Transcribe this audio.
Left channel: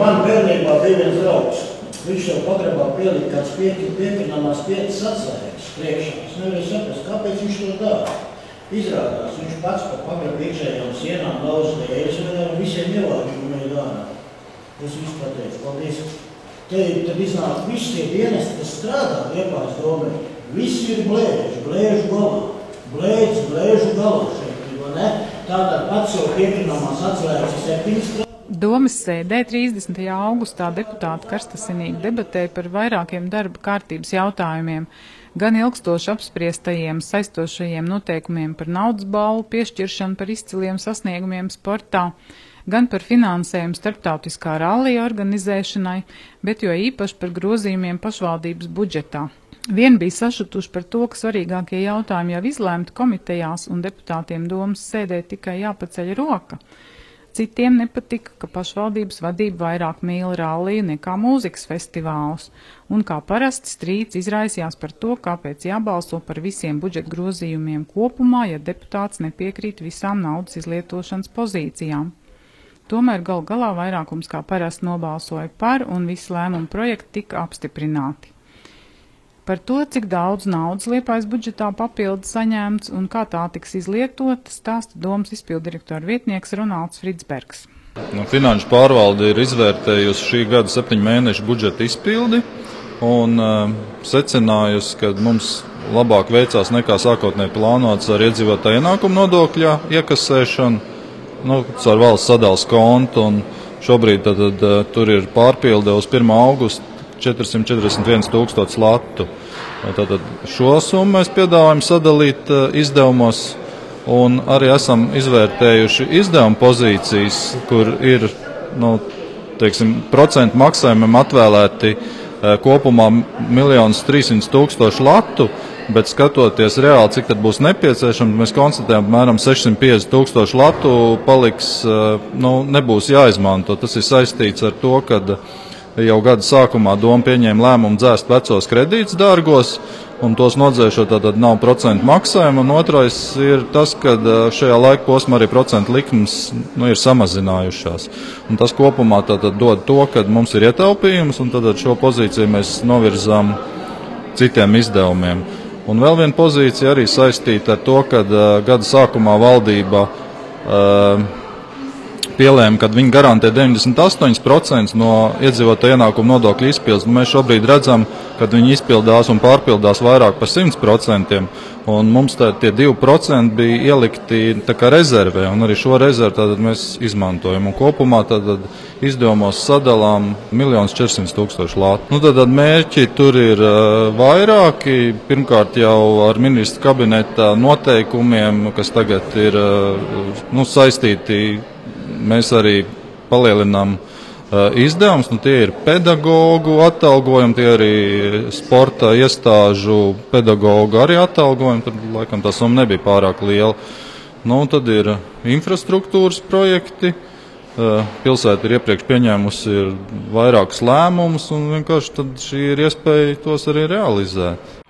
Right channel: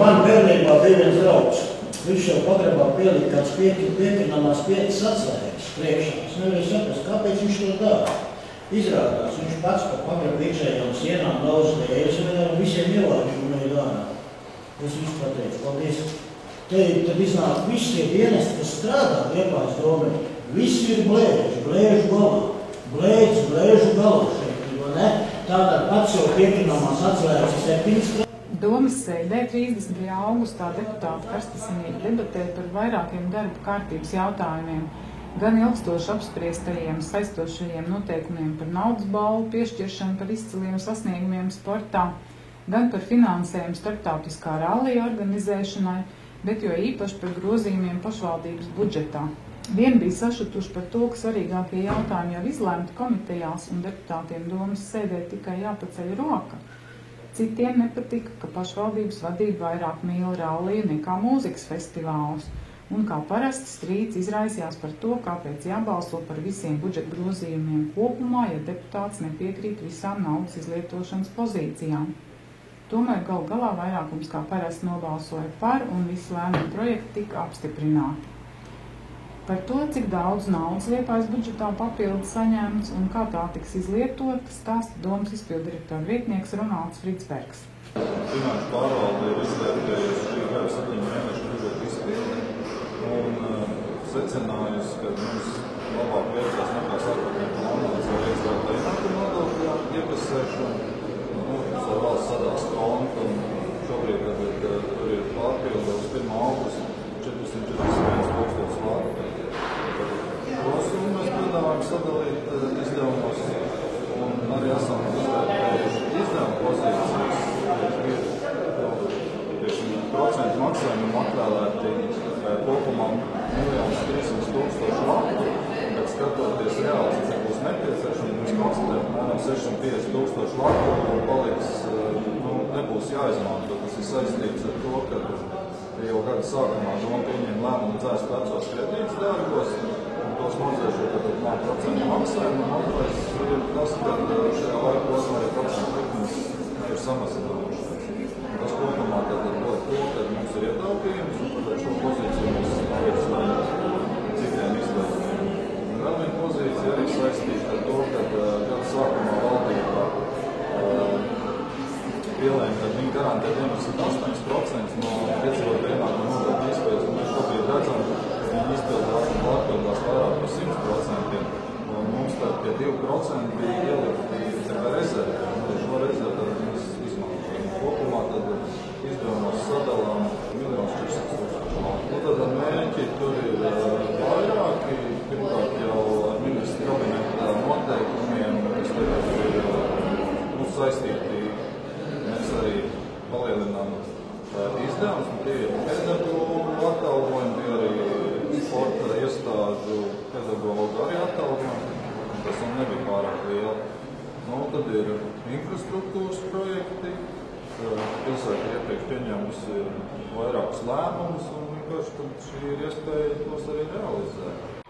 man bērnībā bija viens draugs. Viņš jau pagrabā pielikt kāds piepinamās piecas atslēgas priekšā. Es nevarēju saprast, kāpēc viņš to dara. Izrādās, viņš pats pa pagrabu iekšējām sienām daudz tējas un visiem ielāģiem viņa dārā. Es visu pateicu, paldies. Tad iznāk visi tie dienesti, kas strādā Liepājas domē. Visi ir blēžu galā. Blēžu galā šeit, vai ne? Tātad pats jau piepinamās atslēgas 7 Domes sēdē 30. augustā deputāti karstasinīgi debatēja par vairākiem darba kārtības jautājumiem, gan ilgstoši apspriestajiem saistošajiem noteikumiem par naudas balvu piešķiršanu par izciliem sasniegumiem sportā, gan par finansējumu starptautiskā rallija organizēšanai, bet jo īpaši par grozījumiem pašvaldības budžetā. Vien bija sašutuši par to, ka svarīgākie jautājumi jau izlēmti komitejās un deputātiem domas sēdē tikai jāpaceļ roka. Citiem nepatika, ka pašvaldības vadība vairāk mīl ralliju nekā mūzikas festivālus, un kā parasti strīds izraisījās par to, kāpēc jābalso par visiem budžeta grozījumiem kopumā, ja deputāts nepiekrīt visām naudas izlietošanas pozīcijām. Tomēr galu galā vairākums kā parasti nobalsoja par, un visi lēmumu projekti tika apstiprināti. Par to, cik daudz naudas Liepājas budžetā papildu saņemts un kā tā tiks izlietota, stāsta domas izpilddirektora vietnieks Ronalds Fridsbergs. Finanšu pārvalde ir izvērtējusi šī gada 7 mēnešu budžeta izpildi un secinājusi, ka mums labāk veicās nekā sākotnēji plānots ar iedzīvotāju ienākumu nodokļa iekasēšanu, caur valsts sadales kontu, un šobrīd tur ir pārpilde uz 1. augustu 441 000 latu. Tātad šo summu mēs piedāvājam sadalīt izdevumos, un arī esam izvērtējuši izdevumu pozīcijas, kur ir procentu maksājumiem atvēlēti kopumā 1 300 000 latu, bet skatoties reāli, cik tad būs nepieciešams, mēs konstatējam, apmēram 650 000 latu paliks, nebūs jāizmanto. Tas ir saistīts ar to, ka jau gada sākumā doma pieņēma lēmumu dzēst vecos kredītus dārgos, un tos nodzēšot tātad nav procentu maksājumu, un otrais ir tas, ka šajā laika posmā arī procentu likmes ir samazinājušās. Un tas kopumā tātad dod to, ka mums ir ietaupījums, un tad šo pozīciju mēs novirzām citiem izdevumiem. Un vēl viena pozīcija arī saistīta ar to, ka gada sākumā valdība pielēma, kad viņi garantē 98% no iedzīvotāju ienākumu nodokļu izpildes. Mēs šobrīd redzam, ka viņi izpildās un pārpildās vairāk par 100%, un mums tie 2% bija ielikti tā kā rezervē, un arī šo rezervi mēs izmantojam. Un kopumā izdevumos sadalām 1 400 000 latu. Tad mērķi tur ir vairāki. Pirmkārt jau ar ministra kabineta noteikumiem, kas tagad ir saistīti. Mēs arī palielinām izdevumus, tie ir pedagogu atalgojumi, tie arī sporta iestāžu pedagogu arī atalgojumi, tur laikam tā summa nebija pārāk liela. Tad ir infrastruktūras projekti, pilsēta ir iepriekš pieņēmusi vairākus lēmumus, un vienkārši tad šī ir iespēja tos arī realizēt.